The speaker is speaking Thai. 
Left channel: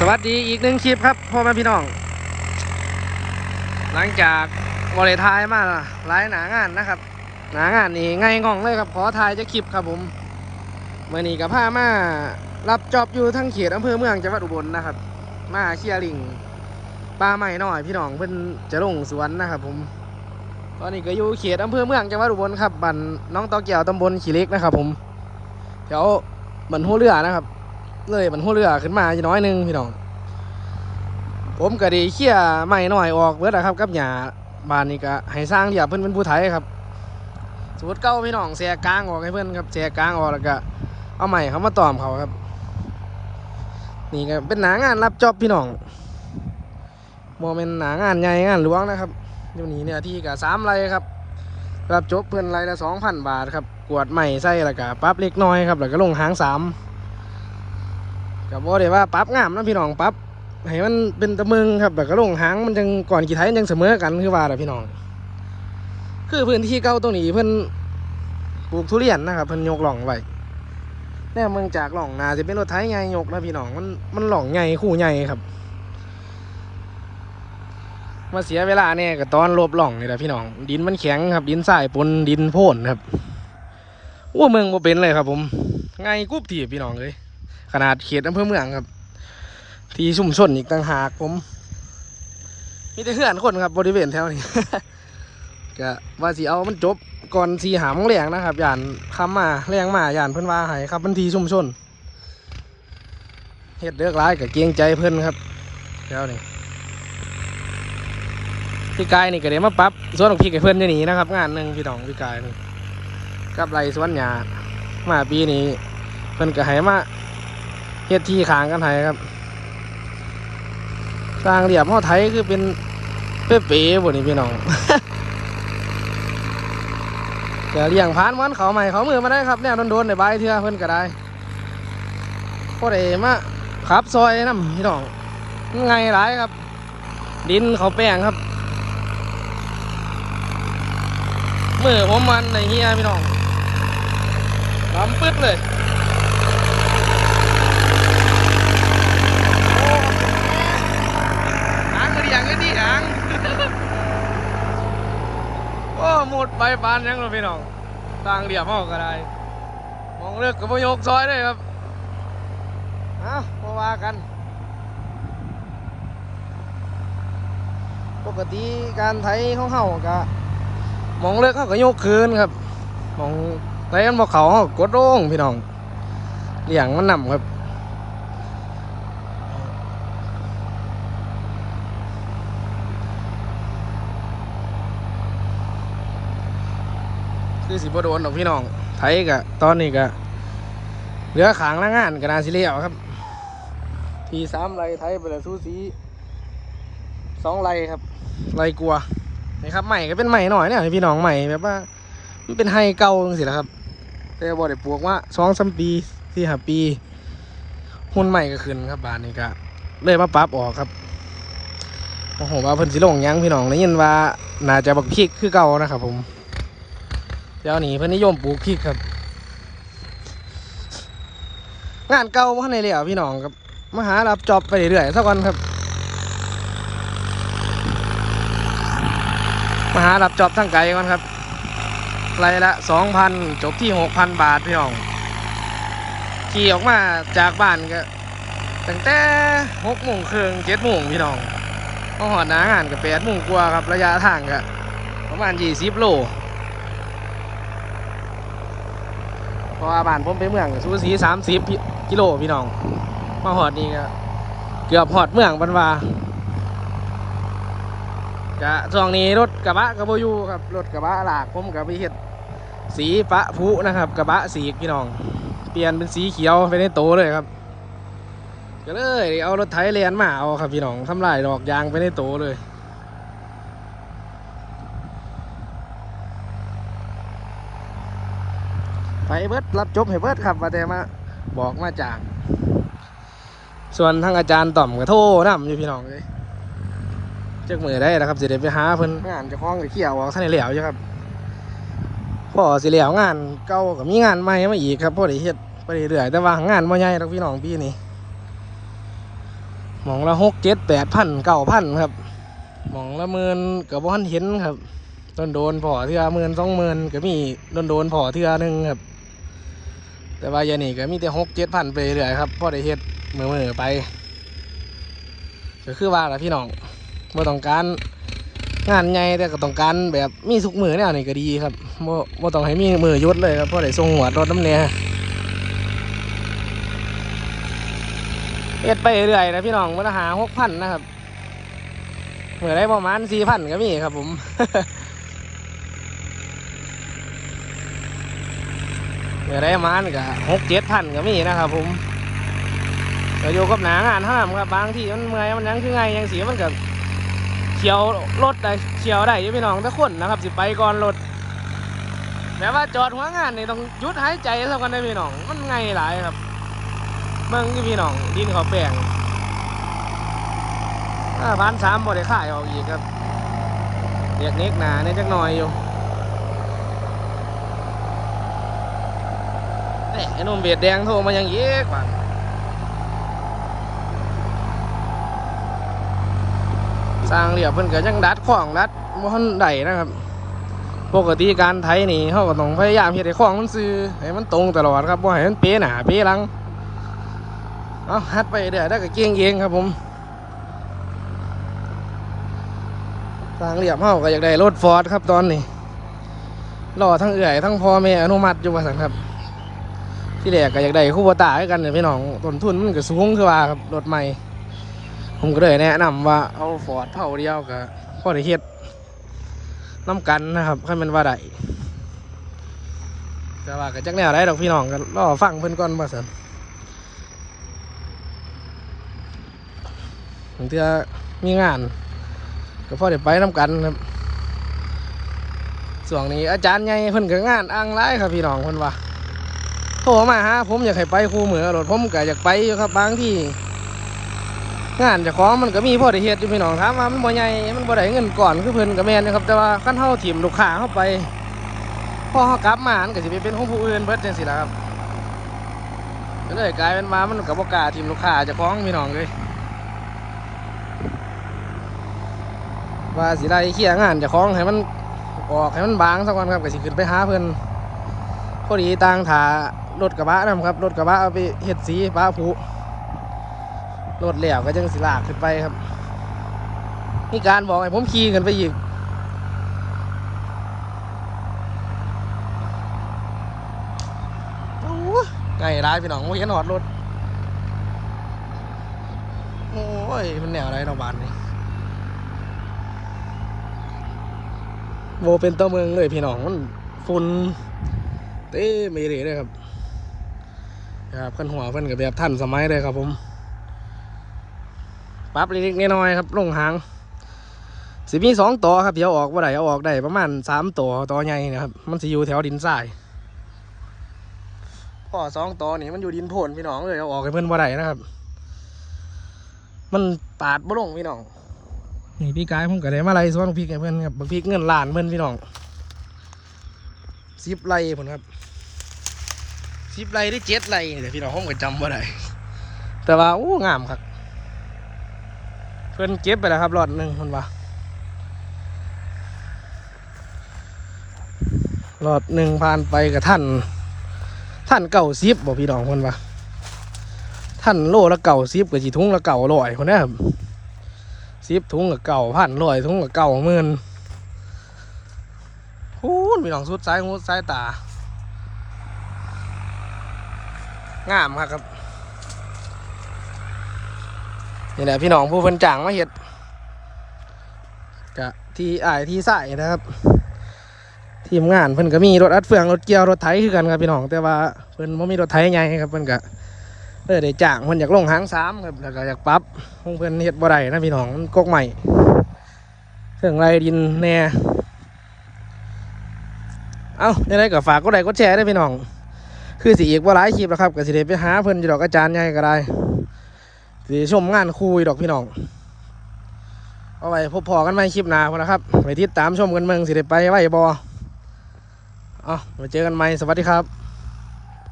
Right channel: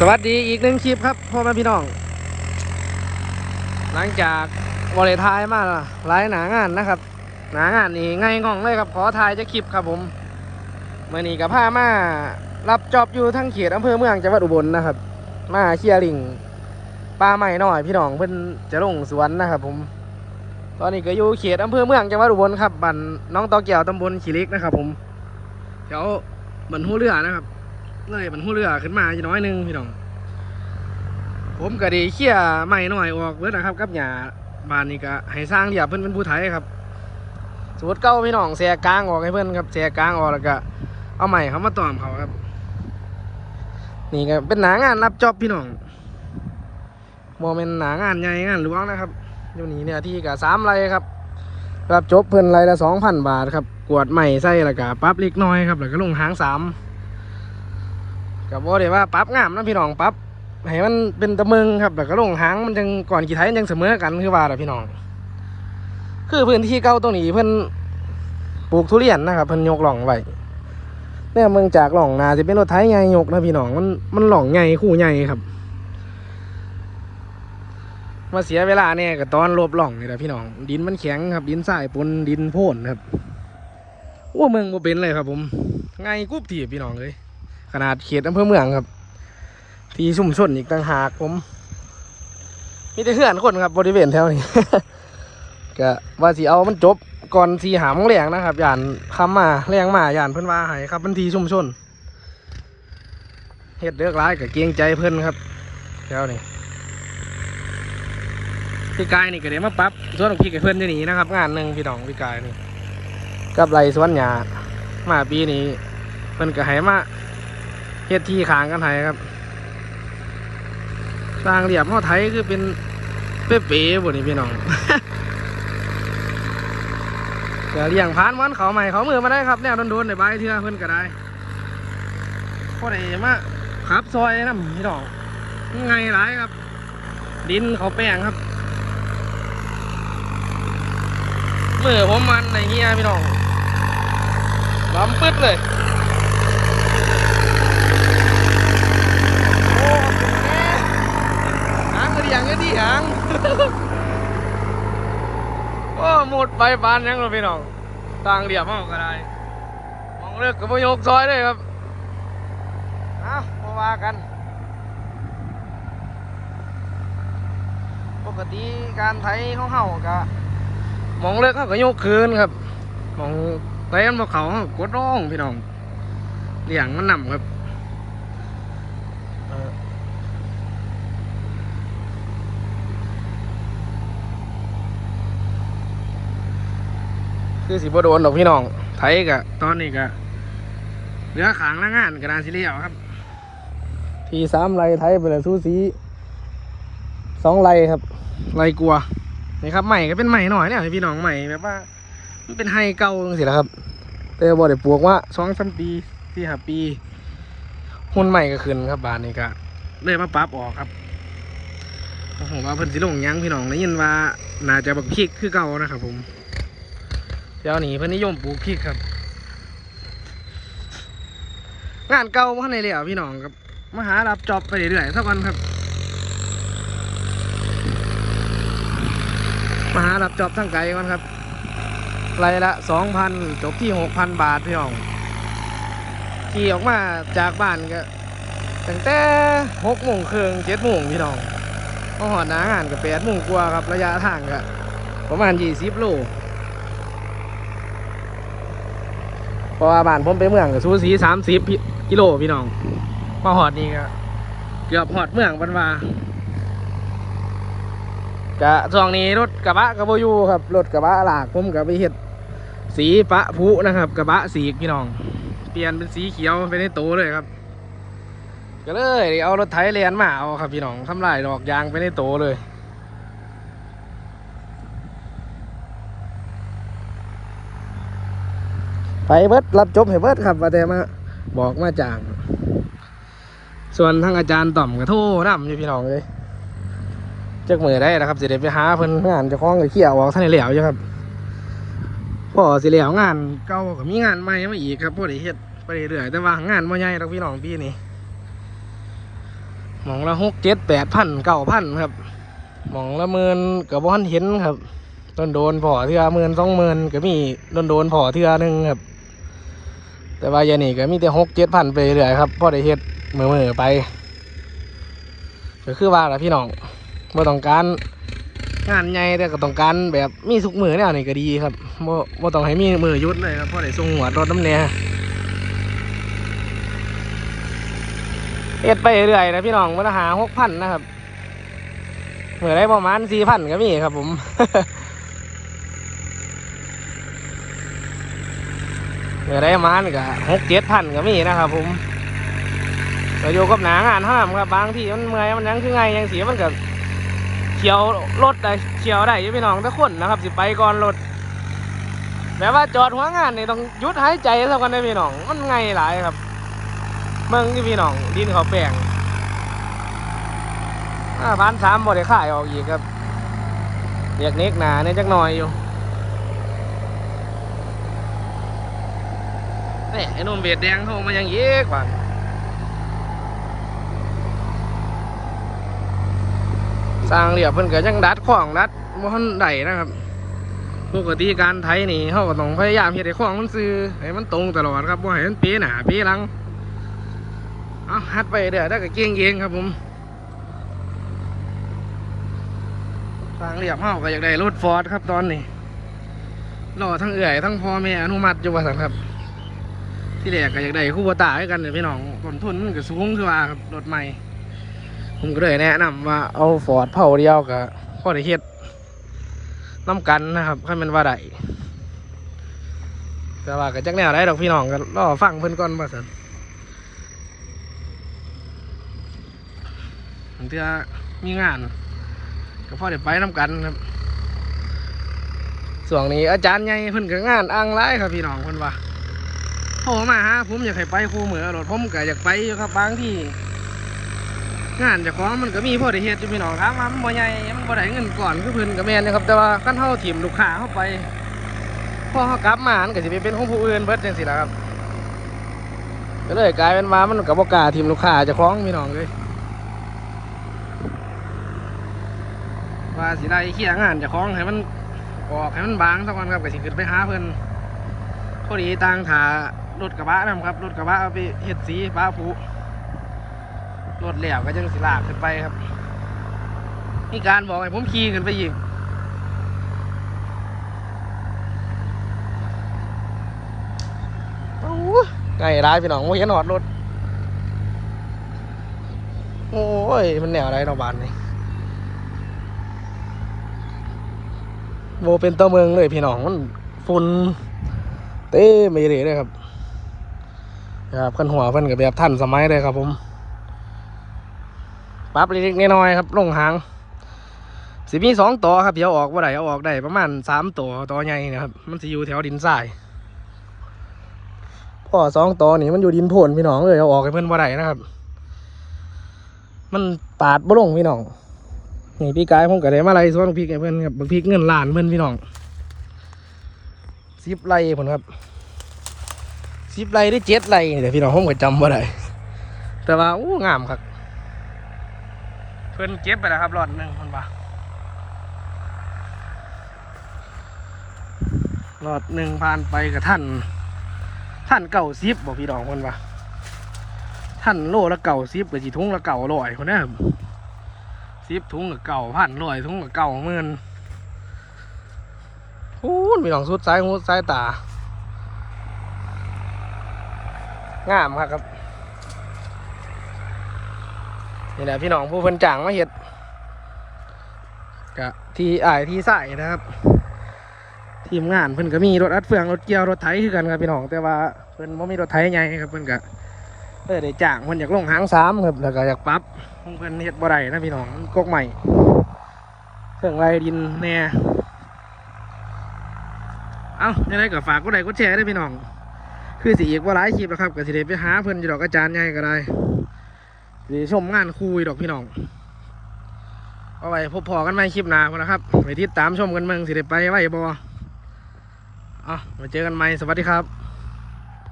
สวัสดีอีกหนึ่งคลิปครับพ่อแม่พี่น้อง หลังจากบริทายมาหลายหนางานนะครับ หนางานนี่ง่ายง่องเลยครับขอทายจะคลิปครับผมเมื่อนี้กับผ้ามารับจอบอยู่ทั้งเขตอำเภอเมืองจังหวัดอุบลนะครับ มาเคียริงปลาใหม่หน่อยพี่น้องเพิ่นจะลงสวนนะครับ ผม ตอนนี้ก็อยู่เขตอำเภอเมืองจังหวัดอุบลครับบ้านน้องตอเกียวตำบลขีเล็กนะครับ ผมเดี๋ยวบันหัวเรือนะครับ เลยบันหัวเรือขึ้นมาจะน้อยนึงพี่น้องผมก็ดีเคี่ยใหม่หน่อยออกเบิดนะครับกับหญ้าบานนี้ก็ให้สร้างเดียบเพิ่อนเป็นผู้ไทยครับสมมติเก้าพี่น้องแสกลางออกให้เพิ่อนครับแสกลางออกแล้วก็เอาใหม่เขามาตอมเขาครับ นี่ก็เป็นหนางานรับจอบพี่น้องโมเป็นหนางานใหญ่งานหลวงนะครับอยู่นี่เนี่ยที่กับสามไรครับ รับจบเพิ่อนไรละสองพันบาทครับกวดใหม่ใส่แล้วก็ปั๊บเล็กน้อยครับแล้วก็ลงหางสาม กับว่าเดี๋ยวว่าปรั๊บงามนะพี่น้องปรั๊บให้มันเป็นตะมึงครับแต่ก็ลงหางมันจังก่อนกี่ไทยยังเสมอกันคือว่าแหละพี่น้อง คือพื้นที่เก่าตรงนี้เพิ่นปลูกทุเรียนนะครับเพิ่นยกหล่องไว้เนี่ยเมืองจากหล่องนาจะเป็นรถไถใหญ่ยกนะพี่น้องมันมันหล่องใหญ่คู่ใหญ่ครับ มาเสียเวลาเนี่ยกับตอนลบหล่องนี่แหละพี่น้อง ดินมันแข็งครับ ดินทรายปนดินโพ่นครับโอ้เมืองบ่เป็นเลยครับ ผมไงกุ๊บทีพี่น้องเลย ขนาดเขตอำเภอเมืองครับ ที่ชุ่มชนอีกต่างหากผม มีแต่เพื่อนคนครับบริเวณแถวนี้ก็ว่าสิเอามันจบก่อนสีหามงแรงนะครับยานคำมาแรงมายานเพิ่อนว่าให้ครับมันทีชุ่มชนเฮ็ดเลือกร้ายกับเกรงใจเพิ่อนครับแถวนี้พี่กายนี่ก็ได้มาปรับสวนของพี่กับเพื่อนอยู่นี่นะครับ งานหนึ่งพี่น้องพี่กายนี่กับไรสวนหญ้ามาปีนี้เพิ่อนก็ให้มา เฮ็ดที่ขางกันให้ครับสร้างเหลี่ยมห่อไทยคือเป็นเป๊ะๆบนนี้พี่น้องเก็เลี้ยงพานมันเขาใหม่เขามือมาได้ครับแนวโดนๆในใบเทือเพิ่นก็ได้พวกเอมาขับซอยน้ำพี่น้องไงหลายครับ ดินเขาแป้งครับมือผมมันในเงี้ยพี่น้องลำปึ๊ดเลย หางก็ดีหางก็ดีหาง โอ้หมด ไปบานยังเราพี่น้องต่างเหลี่ยมเอาก็ได้มองเลือกกับพยกซอยเลยครับเอามาว่ากัน ปกติการไถของเฮาก็มองเลือกเขาก็ยกคืนครับมองไถกันบ่เขาเขาก็กดลงพี่น้องเลี้ยงมันนำครับ คือสิบโดนดอกพี่น้อง ไทยกะตอนนี้กะเหลือขางละงานกะนาซิเลียวครับ ทีสามไรไทยไปเลยสู้สีสองไรครับ ไรกลัวนี่ครับใหม่ก็เป็นใหม่หน่อยเนี่ยพี่น้องใหม่แบบว่ามันเป็นไฮเก่าจังสิละครับ แต่บ่ได้ปลูกว่าสองสามปีที่ห้าปีหุ่นใหม่ก็ขึ้นครับบานนี้กะเลยมาปรับออกครับโอ้โหว่าเพิ่นสิลงยังพี่น้องได้ยินว่าน่าจะบักพริกคือเก่านะครับผม วนี้เพิ่นนิยมปลูกพริกครับ งานเก่ามาในเหลี่ยวพี่น้องครับมาหารับจอบไปเรื่อยๆสักวันครับมาหารับจอบทั้งไกลก่อนครับไรละสองพันจบที่หกพันบาทพี่น้องขี่ออกมาจากบ้านก็ตั้งแต่หกโมงครึ่งเจ็ดโมงพี่น้องมาหอดหนางานกับแปดโมงกว่าครับระยะทางก็ประมาณยี่สิบโล เพราะว่าบ้านผมไปเมืองกับสูสีสามสิบกิโลพี่น้องมาหอดนี่ก็เกือบหอดเมืองบันวากะช่วงนี้รถกระบะกระบอยูครับรถกระบะหลากผมกับไปเห็ดสีปะพุนะครับกระบะสีพี่น้อง เปลี่ยนเป็นสีเขียวไปในโตเลยครับก็เลยเอารถไถเลียนมาเอาครับพี่น้องทำลายดอกยางไปในโตเลย ไปเบิดรับจบให้เบิดครับว่าแต่มาบอกมาจางส่วนทางอาจารย์ต่อมก็โทรนำอยู่พี่น้องเลยจักมือได้นะครับสิได้ไปหาเพิ่นงานจะคล้องกับเขี่ยวออกท่านเหลียวอยู่ครับพอสิเหลียวงานเก่าก็มีงานใหม่มาอีกครับพอได้เฮ็ดไปเรื่อยแต่ว่างานบ่ใหญ่หรอกพี่น้องปีนี้มองละหกเจ็ดแปดพันเก้าพันครับมองละหมื่นกับบ่ทันเห็นครับโดนโดนพอเทือหมื่นสองหมื่นก็มีโดนโดนพอเทือหนึ่งครับ แต่ว่าอยางนี่ก็มีแต่หกเจ็ดพันไปเรื่อยครับพอได้เฮ็ดมือมือๆไปก็คือว่าละพี่น้องบ่ต้องการงานใหญ่แต่ก็ต้องการแบบมีสุกมือแนวนี่ก็ดีครับบ่บ่ต้องให้มีมือยุดเลยครับพอได้ส่งหัวรถน้ำเนี่ยเฮ็ดไปเรื่อยนะพี่น้องมันหาหกพันนะครับเมื่อได้ประมาณสี่พันก็มีครับผม เมื่อได้มาณก็หกเจ็ดพันก็มีนะครับผมก็อยู่กับหนางานห้ามครับบางที่มันเมื่อยมันยังคือไงยังเสียมันก็เฉียวรถได้เฉียวได้ยู่พี่น้องทุกคนนะครับสิไปก่อนรถแบบว่าจอดหัวงานนี่ต้องยุดหายใจสักกันได้พี่น้อง มันไงหลายครับ เมืองที่พี่น้องดินเขาแปลงพันสามบ่ได้ข่ายออกอีกครับเรียกเน็กหนาเนี่ยจักหน่อยอยู่ ไอ้นุ่มเบียดแดงโทรมายังเยอะกว่าสร้างเรียบเพิ่นก็ยังดัดขวางดัดบ่ทันได้นะครับ ปกติการไถนี่เขาก็ต้องพยายามเฮ็ดให้ขวางมันซื่อให้มันตรงตลอดครับบ่ให้มันเป๊ะหนาเป๊ะลังเอาฮัดไปเรื่อได้ก็เก่งเองครับผมสร้างเรียบเฮาก็อยากได้รถฟอร์ดครับตอนนี้รอทั้งเอื่อยทั้งพ่อแม่อนุมัติอยู่ว่าซั่นครับ ที่แรกก็อยากได้คู่บตาให้กันเนี่ยพี่น้องต้นทุนมันก็สูงคือว่าครับรถใหม่ ผมก็เลยแนะนำว่าเอาฟอร์ดเผาเดียวกับพ่อได้เฮ็ดน้ำกันนะครับให้มันว่าได้แต่ว่าก็จักแนวได้ดอกพี่น้องก็รอฟังเพิ่นก่อนว่าสันถึงจะมีงานก็พ่อได้ไปน้ำกันครับส่วนนี้อาจารย์ใหญ่เพิ่นก็งานอ่างไร้ครับพี่น้องเพิ่นว่า ทรมาหาผมอยากให้ไปคู่มือรถผมก็อยากไปครับบางที่งานเจ้าของมันก็มีพ่อได้เฮ็ดอยู่พี่น้องครับมันบ่ใหญ่มันบ่ได้เงินก่อนคือเพิ่นก็แม่นนะครับ แต่ว่าคันเฮาถิ่มลูกค้าเข้าไปพอเฮากลับมามันก็สิได้เป็นของผู้อื่นเบิดจังซี่ล่ะครับก็เลยกลายเป็นว่ามันก็บ่กล้าถิ่มลูกค้าเจ้าของพี่น้องเลยว่าสิได้เคลียงานเจ้าของให้มันออกให้มันบางสักวันครับก็สิขึ้นไปหาเพิ่อนพอดีต่างถา รถกระบะนํครับรถกระบะเอาไปเฮ็ดสีฟ้าผุรถแล้วก็จังสิลากขึ้นไปครับมีการบอกให้ผมขี่ขึ้นไปอีกโอ้ยไงร้ายพี่น้องโมเห็นหอดรถ โอ้ย มันแนวอะไรเนาบานนี่โบเป็นตัวเมืองเลยพี่น้องมันฝุ่นเต้ไม่เลยเลยครับ ครับขันหัวเพิ่นกับแบบท่านสมัยเลยครับผมปรับเล็กๆน้อยๆครับลงหางสิมีสองต่อครับเดี๋ยวออกว่าไดเอาออกได้ประมาณสามต่อต่อใหญ่นะครับ มันสิอยู่แถวดินทรายพ่อสองต่อนี่มันอยู่ดินโผนพี่น้องเลยเอาออกให้เพื่อนว่าไดนะครับ มันปาดบ่ลงพี่น้องนี่พี่กายผมก็ได้มาไล่ส่วนพริกให้เพื่อนครับบักพริกเงินล้านเพื่อนพี่น้องสิบไร่ผมครับ สิบไร่ได้เจ็ดไรนี่แต่พี่น้องผมก็จำว่าไดแต่ว่าโอ้งามครับเพิ่นเก็บไปแล้วครับรอดหนึ่งเพิ่นว่ารอดหนึ่งผ่านไปกับท่าน ท่านเก่าซิบบอกพี่น้องเพิ่นว่าท่านโลละเก่าซิบกับสีทุงละเก่าลอยคนนี้ครับซิบทุงกับเก่าพันลอยทุงกับเก่าหมื่นโอ้ยพี่น้องสุดซ้ายหูซ้ายตา งามครับครับ นี่แหละพี่น้องผู้เพิ่นจ้างมาเฮ็ดกะที่อายที่ใส่นะครับ ทีมงานเพิ่นก็มีรถอัดเฟืองรถเกียวรถไถคือกันครับพี่น้องแต่ว่าเพิ่นบ่มีรถไถใหญ่ครับเพิ่นก็เออได้จ้างเพิ่นอยากลงหางสามครับแล้วก็อยากปรับเพิ่นเฮ็ดบ่ได้นะพี่น้องกกใหม่เครื่องไรดินแน่เอ้าในไรก็ฝากกดไลค์กดแชร์ได้พี่น้อง คือสีอีกว่าหลายคลิปแล้วครับก็สิเดไปหาเพิ่นอนดอกอาจารย์ใหญ่ก็ได้สีชมงานคุยดอกพี่น้องเอาไว้พบพอกันไหม่คลิปหน้าพนนะครับไปติดตามชมกันเมืองสิเดไปไว้บอ๋อาไปเจอกันใหม่สวัสดีครับ